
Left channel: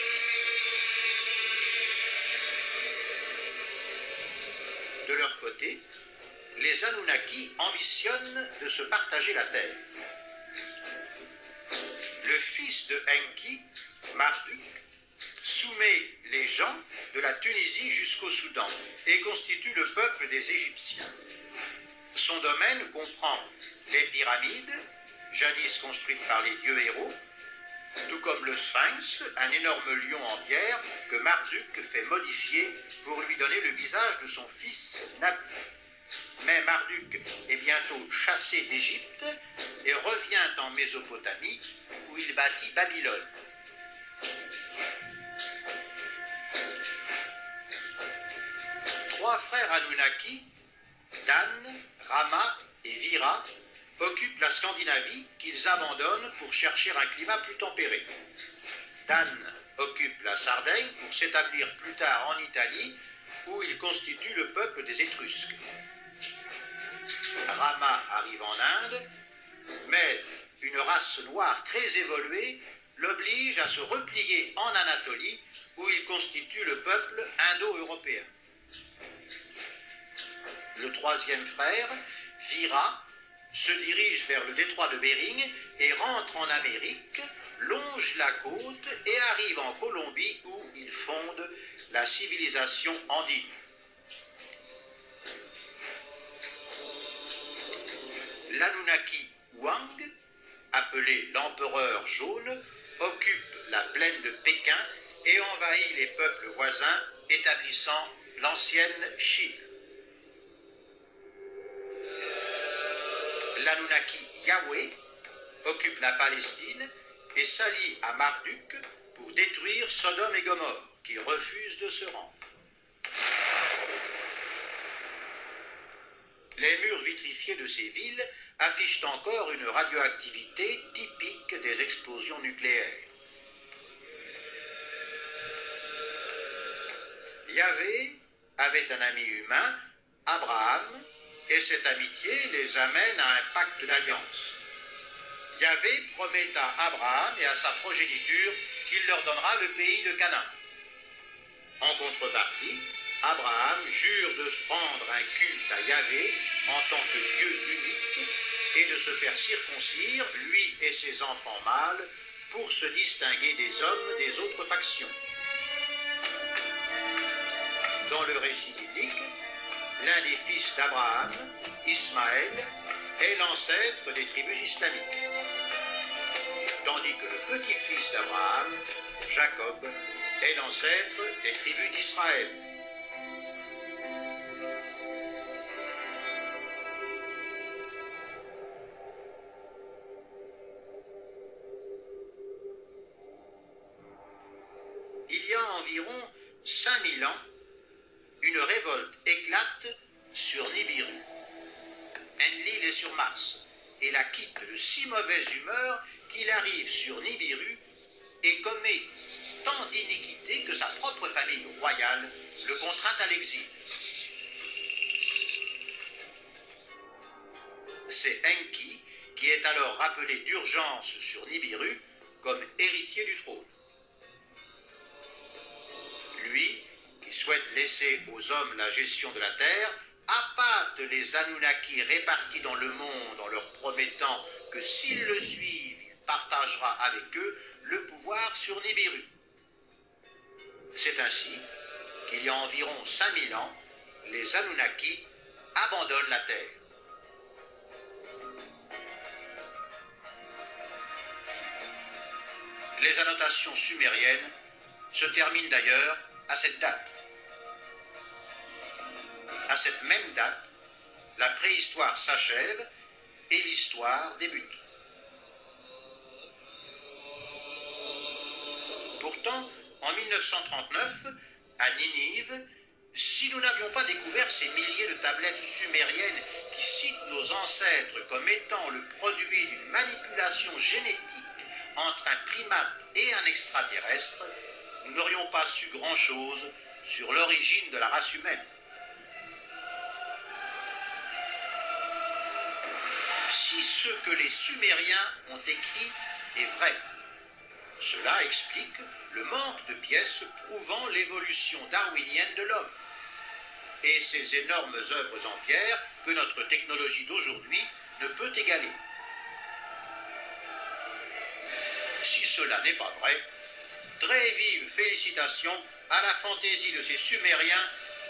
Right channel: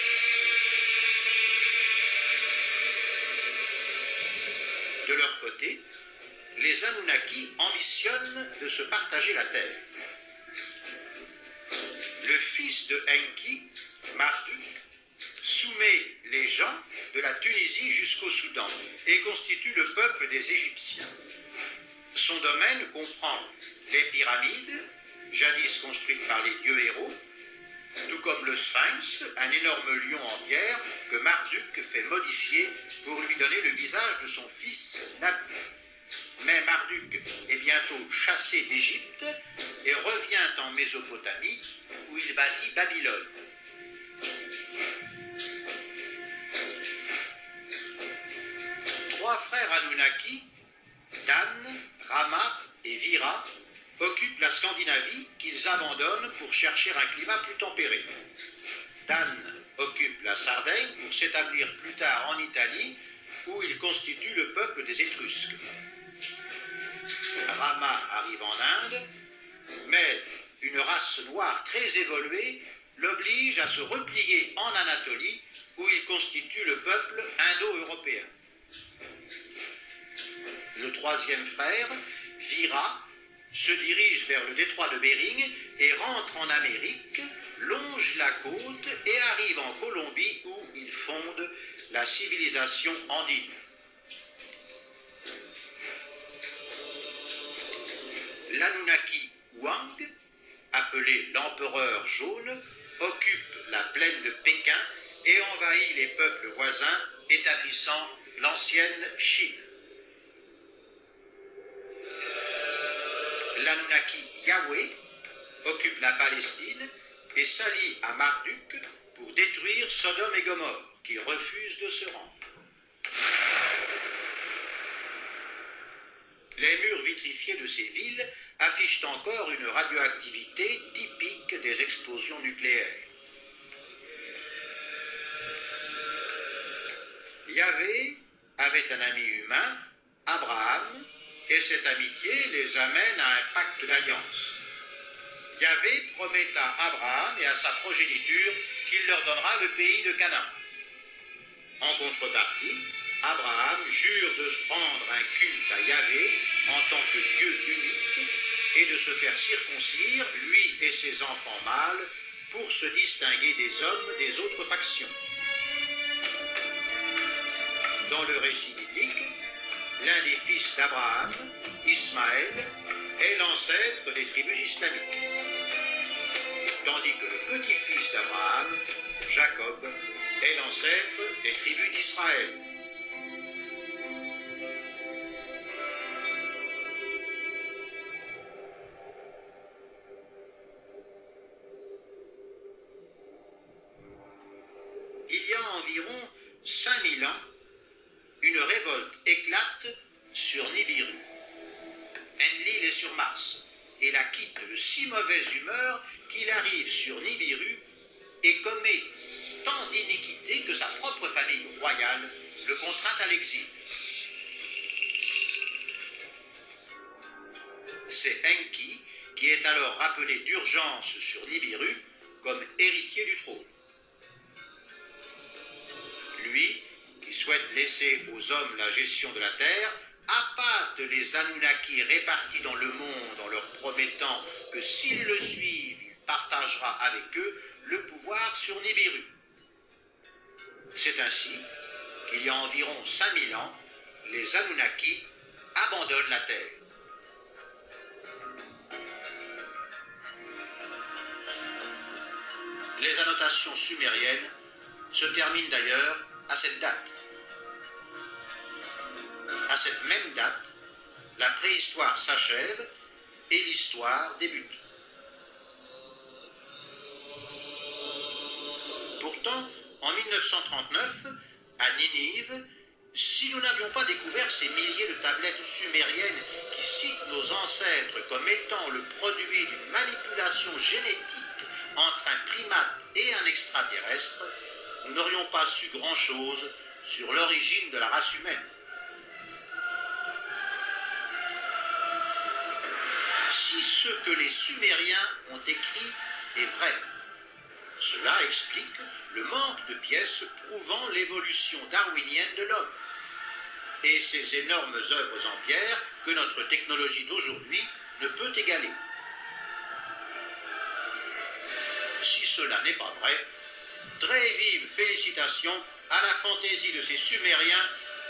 De leur côté, les Anunnaki ambitionnent de se partager la terre. Le fils de Enki, Marduk, soumet les gens de la Tunisie jusqu'au Soudan et constitue le peuple des Égyptiens. Son domaine comprend les pyramides, jadis construites par les dieux héros, tout comme le Sphinx, un énorme lion en pierre que Marduk fait modifier pour lui donner le visage de son fils Nabu. Mais Marduk est bientôt chassé d'Égypte et revient en Mésopotamie où il bâtit Babylone. Trois frères Anunnaki, Dan, Rama et Vira, occupent la Scandinavie qu'ils abandonnent pour chercher un climat plus tempéré. Dan occupe la Sardaigne pour s'établir plus tard en Italie où il constitue le peuple des Étrusques. Rama arrive en Inde, mais une race noire très évoluée l'oblige à se replier en Anatolie où il constitue le peuple indo-européen. Le troisième frère, Vira, se dirige vers le détroit de Bering et rentre en Amérique, longe la côte et arrive en Colombie où il fonde la civilisation andine. L'Anunnaki Wang, appelé l'empereur jaune, occupe la plaine de Pékin et envahit les peuples voisins, établissant l'ancienne Chine. L'Anunnaki Yahweh occupe la Palestine et s'allie à Marduk pour détruire Sodome et Gomorrhe, qui refusent de se rendre. Les murs vitrifiés de ces villes affichent encore une radioactivité typique des explosions nucléaires. Yahvé avait un ami humain, Abraham, et cette amitié les amène à un pacte d'alliance. Yahvé promet à Abraham et à sa progéniture qu'il leur donnera le pays de Canaan. En contrepartie, Abraham jure de se rendre un culte à Yahvé en tant que Dieu unique et de se faire circoncire, lui et ses enfants mâles, pour se distinguer des hommes des autres factions. Dans le récit biblique, l'un des fils d'Abraham, Ismaël, est l'ancêtre des tribus islamiques, tandis que le petit-fils d'Abraham, Jacob, est l'ancêtre des tribus d'Israël. 5000 ans, une révolte éclate sur Nibiru. Enlil est sur Mars et la quitte de si mauvaise humeur qu'il arrive sur Nibiru et commet tant d'iniquités que sa propre famille royale le contraint à l'exil. C'est Enki qui est alors rappelé d'urgence sur Nibiru comme héritier du trône. Lui, qui souhaite laisser aux hommes la gestion de la terre, appâte les Anunnaki répartis dans le monde en leur promettant que s'ils le suivent, il partagera avec eux le pouvoir sur Nibiru. C'est ainsi qu'il y a environ 5000 ans, les Anunnaki abandonnent la Terre. Les annotations sumériennes se terminent d'ailleurs à cette date. À cette même date, la préhistoire s'achève et l'histoire débute. Pourtant, en 1939, à Ninive, si nous n'avions pas découvert ces milliers de tablettes sumériennes qui citent nos ancêtres comme étant le produit d'une manipulation génétique entre un primate et un extraterrestre, nous n'aurions pas su grand-chose sur l'origine de la race humaine. Si ce que les Sumériens ont écrit est vrai, cela explique le manque de pièces prouvant l'évolution darwinienne de l'homme et ces énormes œuvres en pierre que notre technologie d'aujourd'hui ne peut égaler. Si cela n'est pas vrai, très vive félicitations à la fantaisie de ces Sumériens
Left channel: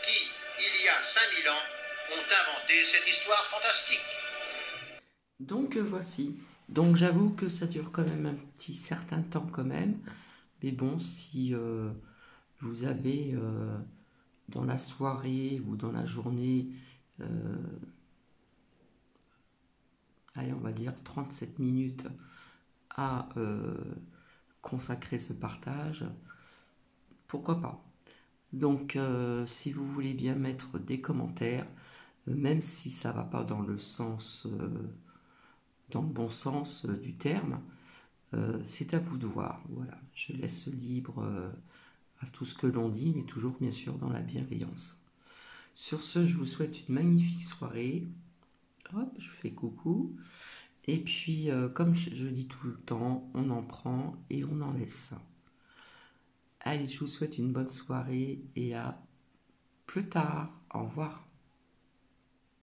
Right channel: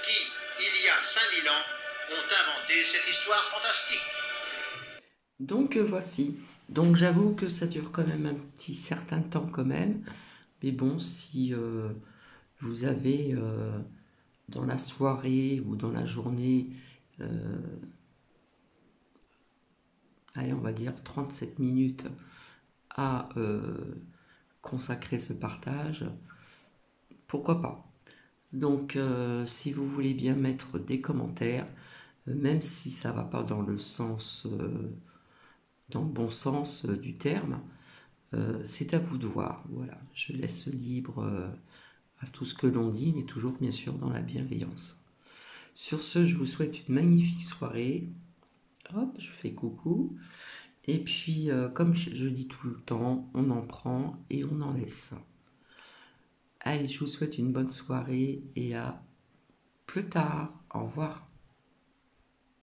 qui, il y a 5000 ans, ont inventé cette histoire fantastique. Donc voici. Donc j'avoue que ça dure quand même un petit certain temps quand même. Mais bon, si vous avez dans la soirée ou dans la journée, allez, on va dire 37 minutes à consacrer ce partage, pourquoi pas. Donc si vous voulez bien mettre des commentaires, même si ça va pas dans le sens, dans le bon sens du terme, c'est à vous de voir. Voilà, je laisse libre à tout ce que l'on dit, mais toujours bien sûr dans la bienveillance. Sur ce, je vous souhaite une magnifique soirée. Hop, je fais coucou. Et puis, comme je dis tout le temps, on en prend et on en laisse. Allez, je vous souhaite une bonne soirée et à plus tard. Au revoir.